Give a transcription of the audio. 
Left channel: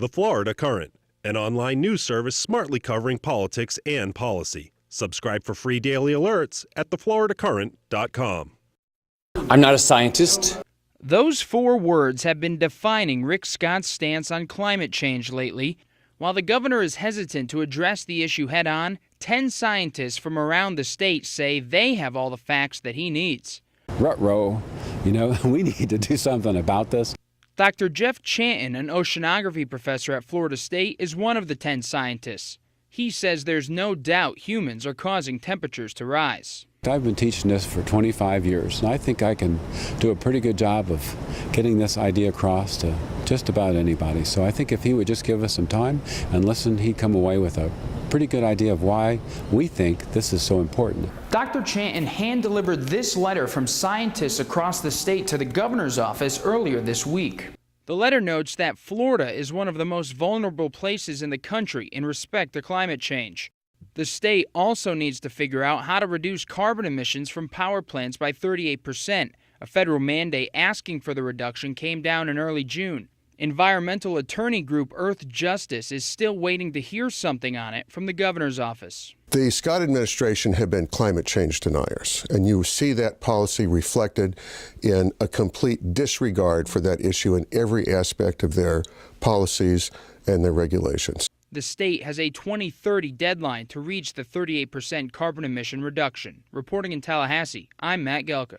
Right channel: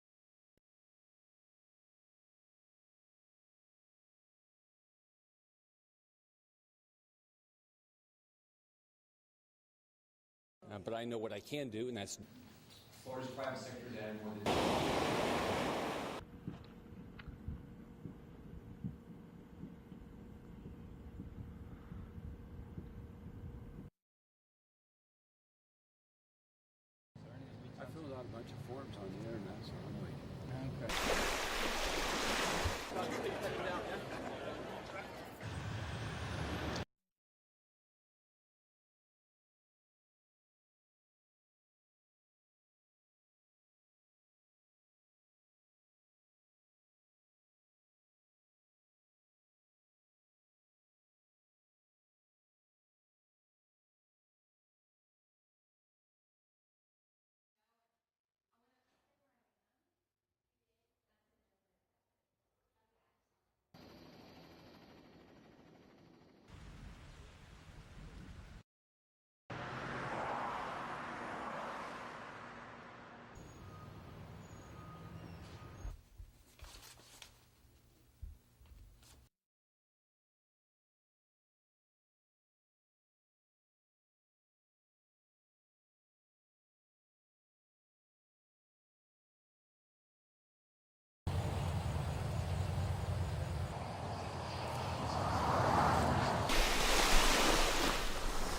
The Florida Current, an online news service smartly covering politics and policy. Subscribe for free daily alerts at thefloridacurrent.com. I'm not a scientist. Those 4 words have been defining Rick Scott's stance on climate change lately. While the governor is hesitant to address the issue head-on, 10 scientists from around the state say they have all the facts that he needs. Ruh-roh, we need to do something about this. Dr. Jeff Chanton, an oceanography professor at Florida State, is one of the 10 scientists. He says there's no doubt humans are causing temperatures to rise. I've been teaching this for 25 years, and I think I can do a pretty good job of getting this idea across to just about anybody. So I think if he would just give us some time and listen, he'd come away with a pretty good idea of why we think this is so important. Dr. Chanton hand-delivered this letter from scientists across the state to the governor's office earlier this week. The letter notes that Florida is one of the most vulnerable places in the country in respect to climate change. The state also needs to figure out how to reduce carbon emissions from power plants by 38%. A federal mandate asking for the reduction came down in early June. Environmental attorney group Earth Justice is still waiting to hear something on it from the governor's office. The Scott administration have been climate change deniers, and you see that policy reflected in a complete disregard for that issue in every aspect of their policies and their regulations. The state has a 2030 deadline to reach the 38% carbon emission reduction. Reporting in Tallahassee, I'm Matt Gelker.